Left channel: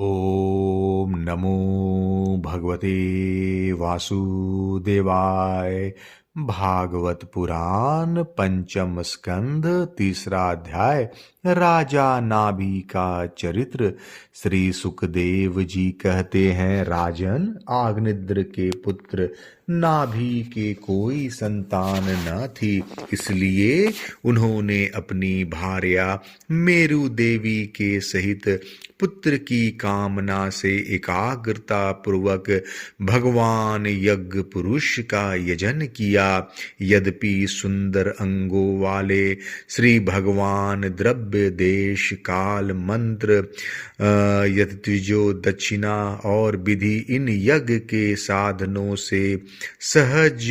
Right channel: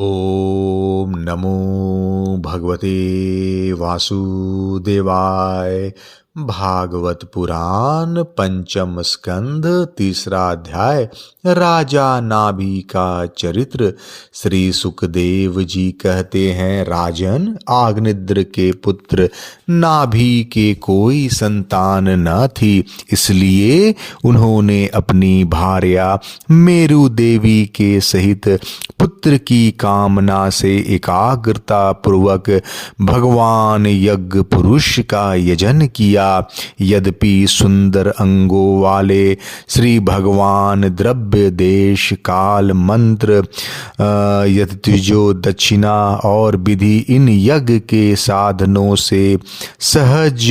ओम नमो भगवते वासुदेवाय। भागवत पुराण पंचम स्कंध तीसरा अध्याय। राजा नाभि का चरित्र। श्री सुखदेव जी कहते हैं, राजन, आग्निद्र के पुत्र नाभि के कोई संतान न थी, इसलिए उन्होंने अपनी भार्या मेरु देवी के सहित पुत्र की कामना से एकाग्रता पूर्वक भगवान यज्ञ पुरुष का यजन किया। यद्यपि सुंदर अंगों वाले श्री भगवान द्रव्य देश काल मंत्र यतिजो दक्षिणा और विधि इन यज्ञ के साधनों से सहज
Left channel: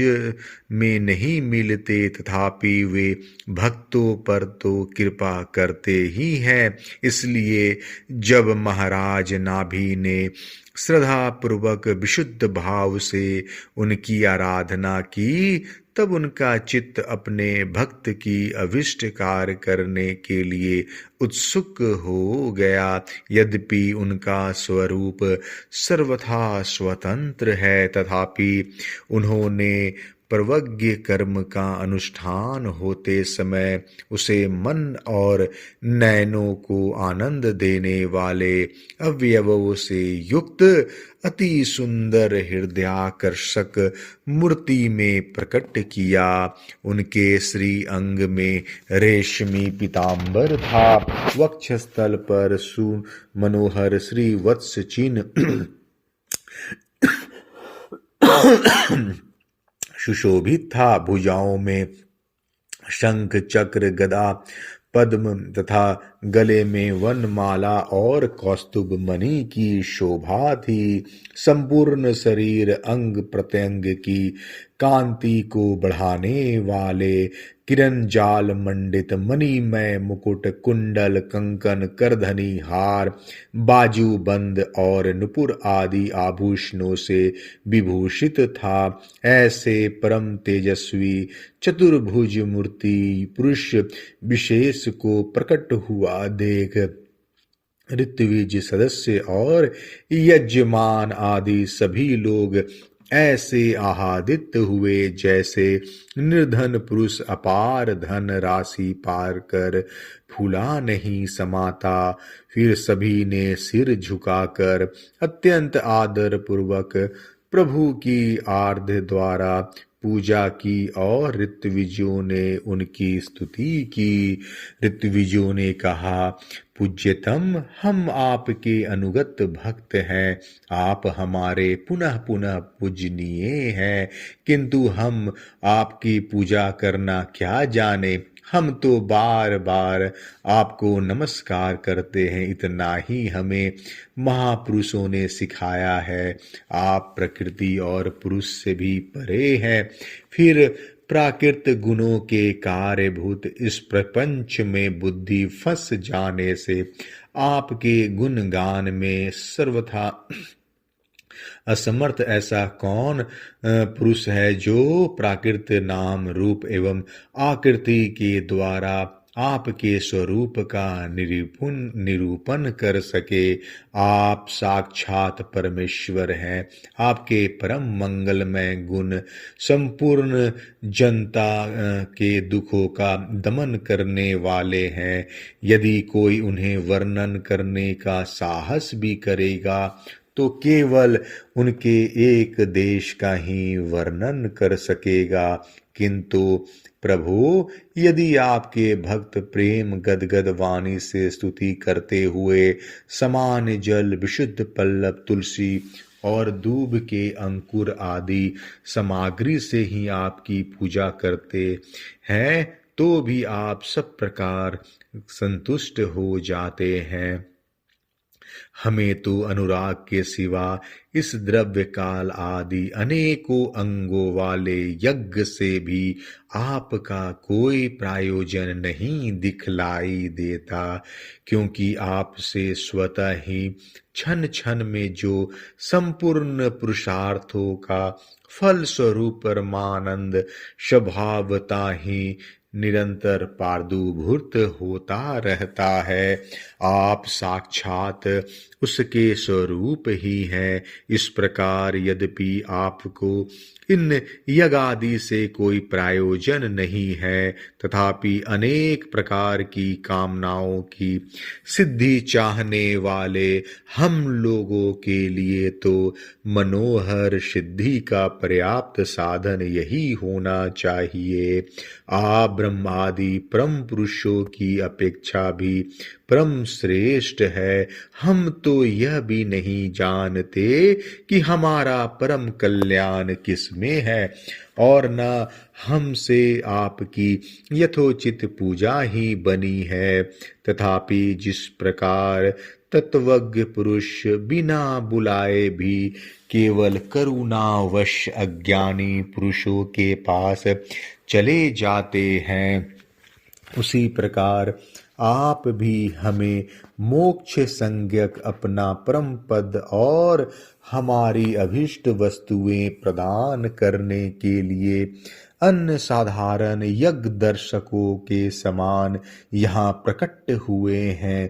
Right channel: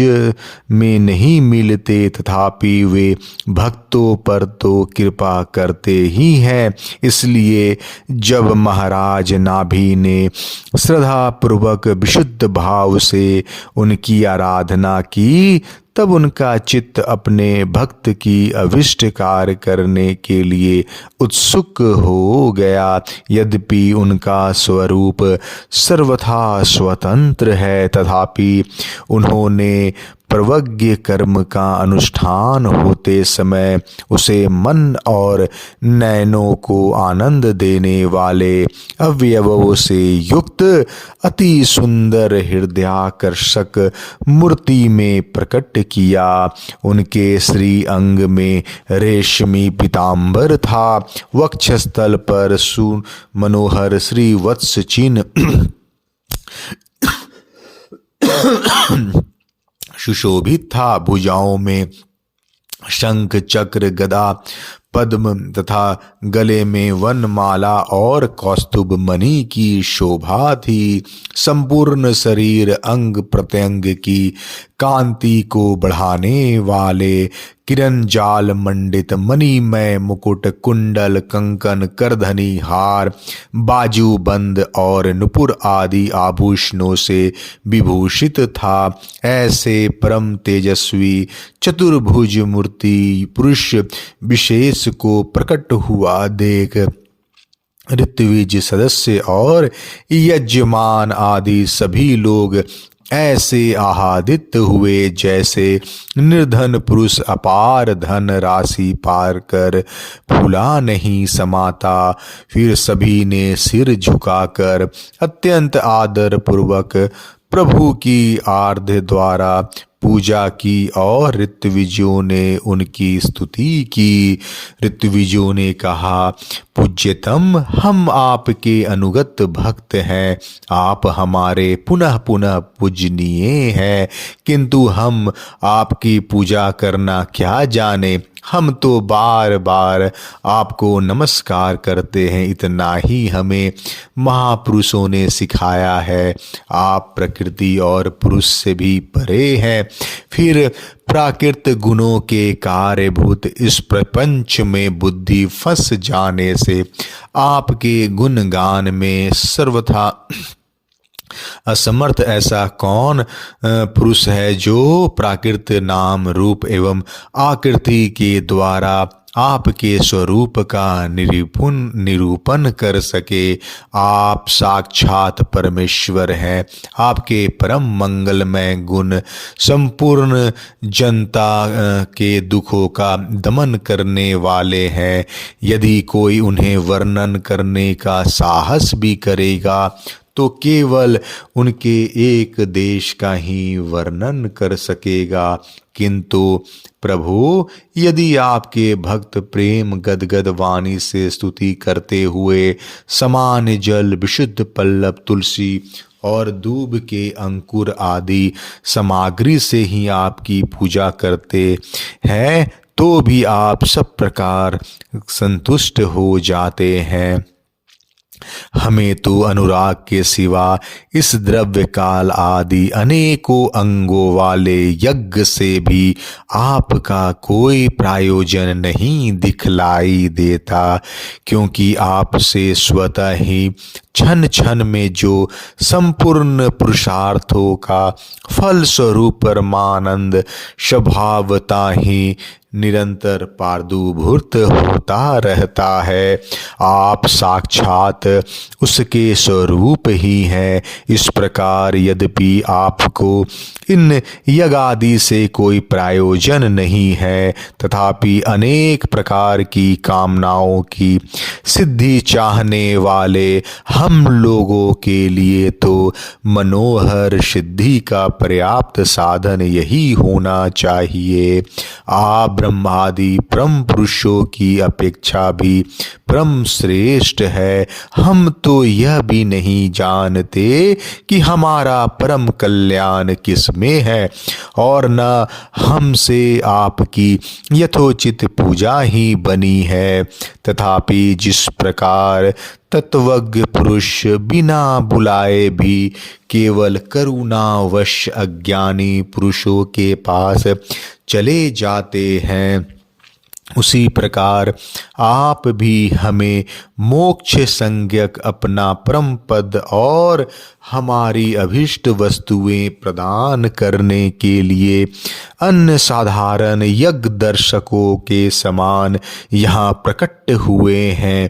में नहीं मिलते, तथापि वे भक्तों पर तो कृपा करते ही हैं। इसलिए जब महाराज नाभि ने श्रद्धा पूर्वक विशुद्ध भाव से उनकी आराधना की, तब उनका चित्त अपने भक्त की अभिष्ट कार्य करने के लिए उत्सुक हो गया। यद्यपि उनका स्वरूप सर्वथा स्वतंत्र है, तथापि उन्होंने प्रवज्ञ कर्म का अनुष्ठान होते समय उसे मन और नयनों को आनंद देने वाले अवयवों से युक्त अति सुंदर हृदयाकर्षक मूर्ति में प्रकट किया। उनके श्री अंग में रेशमी पीतांबर था, वक्षस्थल पर मनोहर श्री वत्स चिन्ह सुशोभित था। भुजाओं में शंख चक्र गदा पद्म तथा गले में वनमाला और कौस्तुभ मणि की शोभा थी। संपूर्ण शरीर अंग प्रत्यंग की कांति को बढ़ाने वाले किरण जाल मंडित मणिमय मुकुट, कुंडल, कंकन, करधनी, हार, बाजूबंद और नुपुर आदि आभूषणों से विभूषित था। ऐसे परम तेजस्वी चतुर्भुज मूर्ति पुरुष विशेष को प्रकट हुआ देख ऋत्विज सदस्य और यजमान आदि सभी लोग ऐसे आह्लादित हुए जैसे निर्धन पुरुष अपार धन राशि पार कर फूला नहीं समाता। फिर सभी ने सिर झुकाकर अत्यंत आदर पूर्वक प्रभु की आराध्य द्वारा पूजा की और ऋत्विजों ने उनकी स्तुति की। ऋत्विजों ने कहा, पूज्यतम, हम आपके अनुगत भक्त हैं, आप हमारे पुनः पुनः पूजनीय हैं, किंतु हम आपकी पूजा करना क्या जाने। हम तो बार बार आपको नमस्कार करते हैं, इतना ही हमें महापुरुषों ने सिखाया है। आप प्रकृति और पुरुष से भी परे हैं। फिर प्राकृत गुणों के कार्यभूत इस प्रपंच में बुद्धि फंस जाने से आपके गुणगान में सर्वथा असमर्थ ऐसा कौन पुरुष है जो प्राकृत नाम रूप एवं आकृति के द्वारा आपके स्वरूप का निरूपण कर सके। आप साक्षात परमेश्वर हैं। आपके परम मंगलमय गुण संपूर्ण जनता के दुखों का दमन करने वाले हैं। यदि कोई उन्हें वर्णन करने का साहस भी करेगा तो केवल उनके एक देश का ही वर्णन कर सकेगा। किंतु प्रभु, यदि आपके भक्त प्रेम गदगद वाणी से स्तुति करते हुए समान जल, विशुद्ध पल्लव, तुलसी और दूब के अंकुर आदि सामग्री से ही आपकी पूजा करते हैं, तो भी आप सब प्रकार संतुष्ट हो जाते हैं। हमें तो अनुराग के सिवा इस द्रव्य काल आदि अनेकों अंगों वाले यज्ञ से भी आपका कोई प्रयोजन नहीं दिखलाई देता, क्योंकि आपसे स्वतः ही क्षण क्षण में जो संपूर्ण पुरुषार्थों का फल स्वरूप परमानंद स्वभावता ही निरंतर प्रादुर्भूत होता रहता है। आप साक्षात उसके स्वरूप ही हैं। इस प्रकार यद्यपि आपको इन यज्ञ आदि से कोई प्रयोजन नहीं है, तथापि अनेक प्रकार की कामनाओं की सिद्धि चाहने वाले हम लोगों के लिए तो मनोहर सिद्धि का पर्याप्त साधन यही होना चाहिए। आप ब्रह्मादि परम पुरुषों की अपेक्षा भी परम श्रेष्ठ है। हम तो यह भी नहीं जानते कि हमारा परम कल्याण किस में है, और न हमसे आपकी यथोचित पूजा ही बनी है। तथापि जिस प्रकार तत्वज्ञ पुरुष बिना बुलाए भी केवल करुणावश अज्ञानी पुरुषों के पास चले जाते हैं, उसी प्रकार आप भी हमें मोक्ष संज्ञक अपना परम पद और हमारी अभिष्ट वस्तुएं प्रदान करने के लिए अन्य साधारण यज्ञ दर्शकों के समान यहाँ प्रकट हुए हैं।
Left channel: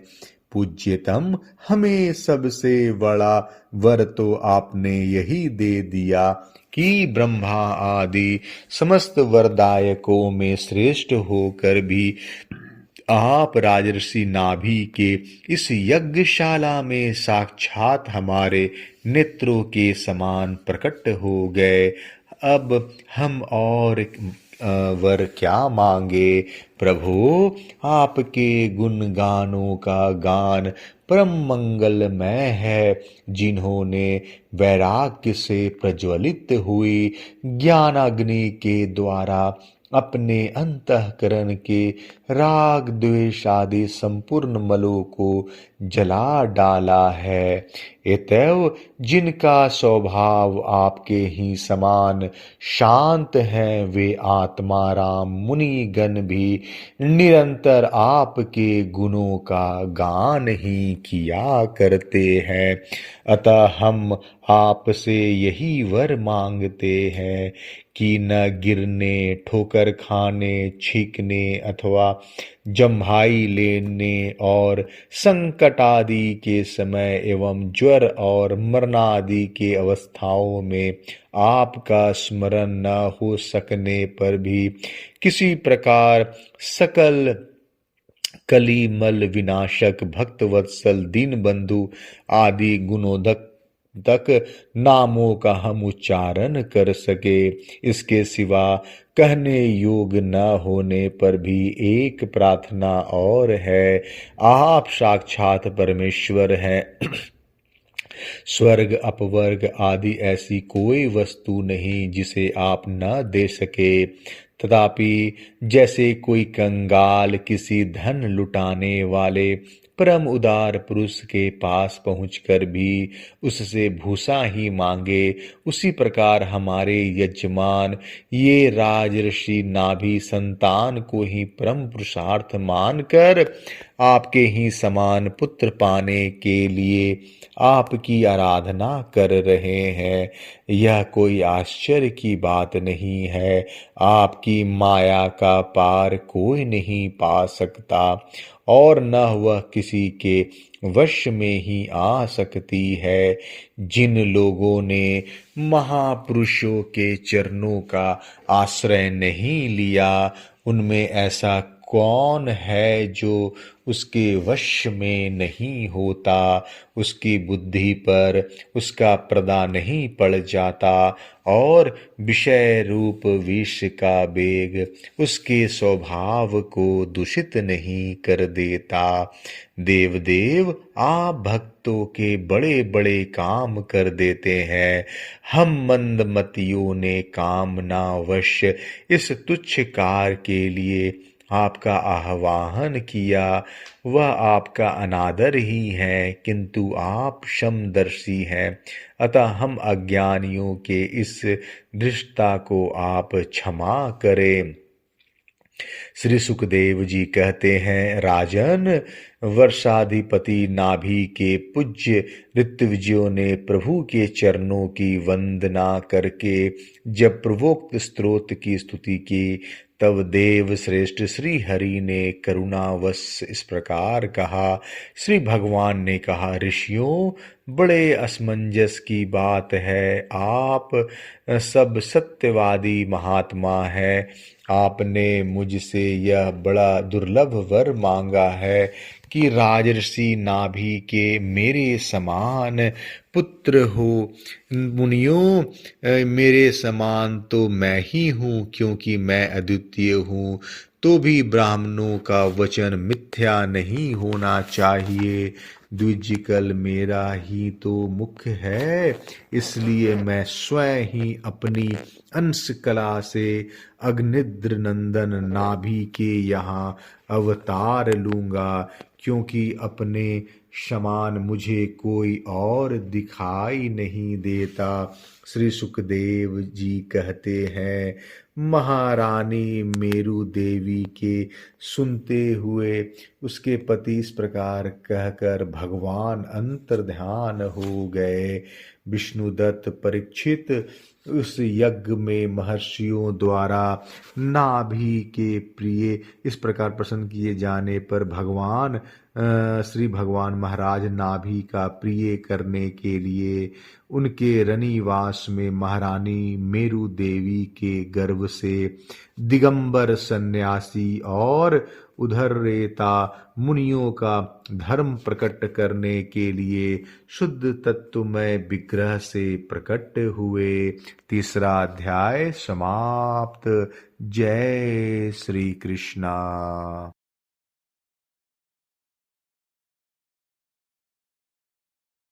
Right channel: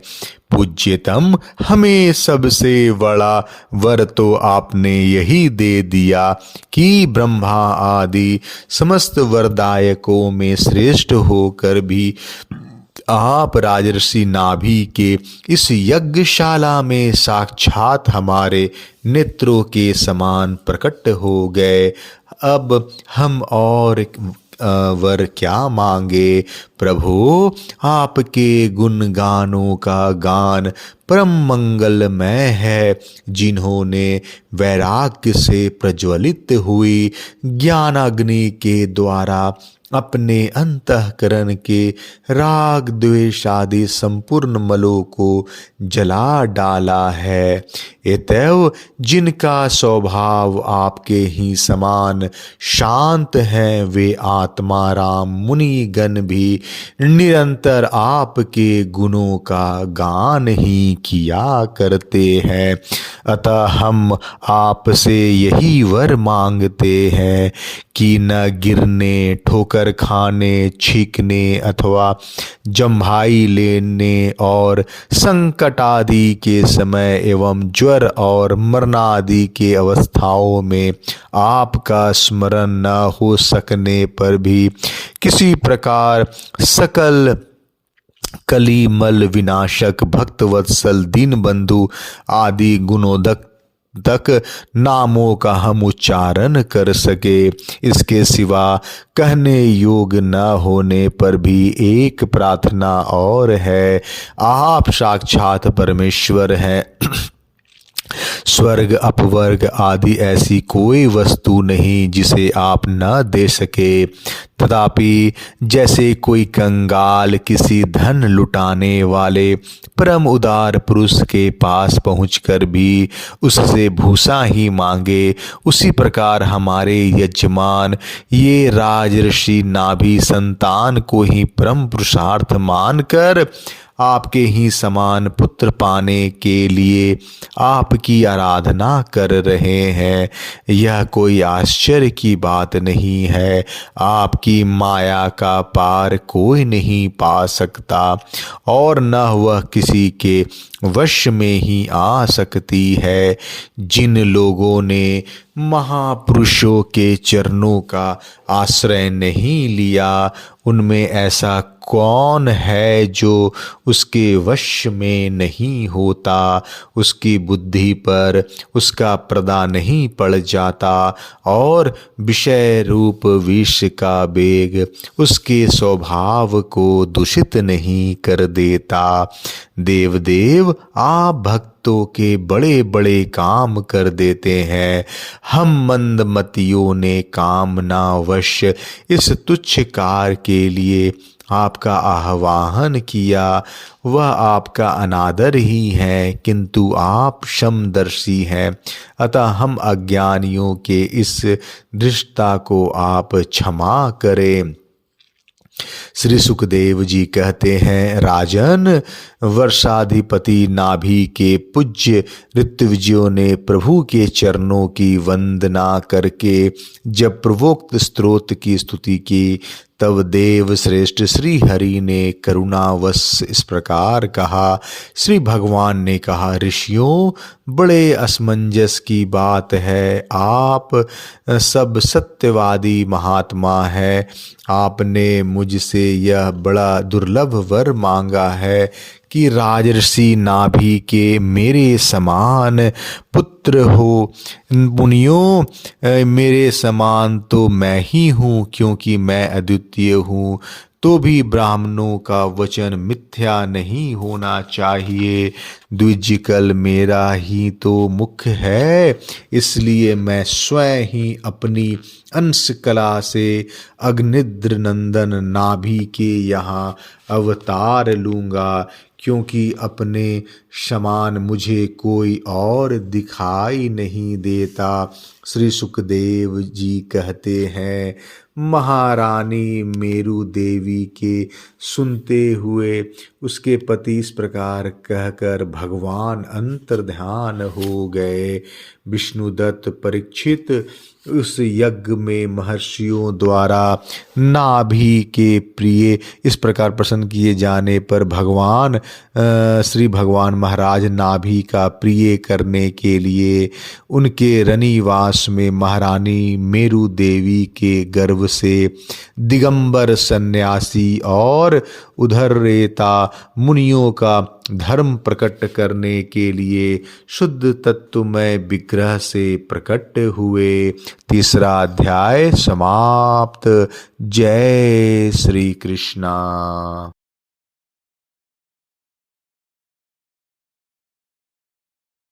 पूज्यतम, हमें सबसे बड़ा वर तो आपने यही दे दिया कि ब्रह्मा आदि समस्त वरदायकों में श्रेष्ठ होकर भी आप राजर्षि नाभि के इस यज्ञशाला में साक्षात हमारे नेत्रों के समान प्रकट हो गए। अब हम और वर क्या मांगे। प्रभु, आपके गुणगानों का गान परम मंगलमय है। जिन्होंने वैराग्य से प्रज्वलित हुई ज्ञानाग्नि के द्वारा अपने अंतःकरण के राग द्वेष आदि संपूर्ण मलों को जला डाला है। अतएव जिनका स्वभाव आपके ही समान शांत है, वे आत्मा राम मुनि गण भी निरंतर आपके गुणों का गान ही किया करते हैं। अतः हम आपसे यही वर मांगते हैं कि न गिरने, ठोकर खाने, छींकने अथवा जम्भाई लेने और संकट आदि के समय एवं ज्वर और मरणादि के अवस्थाओं में आपका स्मरण न हो सकने पर भी किसी प्रकार सकल कलिमल विनाशक भक्तवत्सल दीनबंधु आदि गुणोदक तक नामों का हम उच्चारण कर सके। इसके सिवा कहने योग न होने पर भी एक प्रार्थना और है। आप साक्षात परमेश्वर हैं। स्वर्ग, अपवर्ग आदि ऐसी कोई वस्तु नहीं जिसे आप न दे सके। तथापि जैसे कोई कंगाल किसी धन लुटाने वाले परम उदार पुरुष के पास पहुंचकर भी उससे भूसा ही मांगे, उसी प्रकार हमारे यजमान ये राजर्षि नाभि संतान को ही परम पुरुषार्थ मानकर आपके ही समान पुत्र पाने के लिए आपकी आराधना कर रहे हैं। यह कोई आश्चर्य की बात नहीं है। आपकी माया का पार कोई नहीं पा सकता और न वह किसी के वश में ही आ सकती है। जिन लोगों ने महापुरुषों के चरणों का आश्रय नहीं लिया, उनमें ऐसा कौन है जो उसके वश में नहीं होता। उसकी बुद्धि पर उसका पर्दा नहीं पड़ जाता और विषय रूप विष का वेग उसके स्वभाव को दूषित नहीं कर देता। देवदेव, आप भक्तों के बड़े बड़े काम कर देते हैं। हम मंदमतियों ने कामनावश इस तुच्छ कार्य के लिए आपका आह्वान किया, वह आपका अनादर ही है, किंतु आप समदर्शी हैं। अतः हम अज्ञानियों के इस दृष्टता को आप क्षमा करें। श्री सुखदेव जी कहते हैं, राजन, वर्षाधिपति नाभि के पूज्य ऋत्विजयों ने प्रभु के चरणों की वंदना करके जब पूर्वोक्त स्तोत्र की स्तुति की, तब देव श्रेष्ठ श्री हरि ने करुणावश इस प्रकार कहा। श्री भगवान ने कहा, ऋषियों, बड़े असमंजस की बात है। आप सब सत्यवादी महात्मा है। आपने मुझसे यह बड़ा दुर्लभ वर मांगा है कि राजर्षि नाभि के मेरे समान पुत्र हो। मुनियों, मेरे समान तो मैं ही हूँ, क्योंकि मैं अद्वितीय हूँ। तो भी ब्राह्मणों का वचन मिथ्या नहीं होना चाहिए। द्विजकल मेरा ही तो मुख्य है, इसलिए मैं स्वयं ही अपनी अंश कला से अग्निद्र नंदन नाभि के यहाँ अवतार लूँगा, क्योंकि अपने समान मुझे कोई और दिखाई नहीं देता। श्री सुखदेव जी कहते हैं, महारानी मेरु देवी के सुनते हुए उसके पति इस प्रकार कहकर भगवान अंतर्ध्यान हो गए। विष्णुदत्त परीक्षित उस यज्ञ में महर्षियों द्वारा नाभि के प्रिय इस प्रकार प्रसन्न किए जाने पर श्री भगवान महाराज नाभि का प्रिय करने के लिए उनके रनिवास में महारानी मेरु देवी के गर्भ से दिगंबर सन्यासी और उद्धरेता मुनियों का धर्म प्रकट करने के लिए शुद्ध तत्वमय विग्रह से प्रकट हुए। तीसरा अध्याय समाप्त। जय श्री कृष्णा।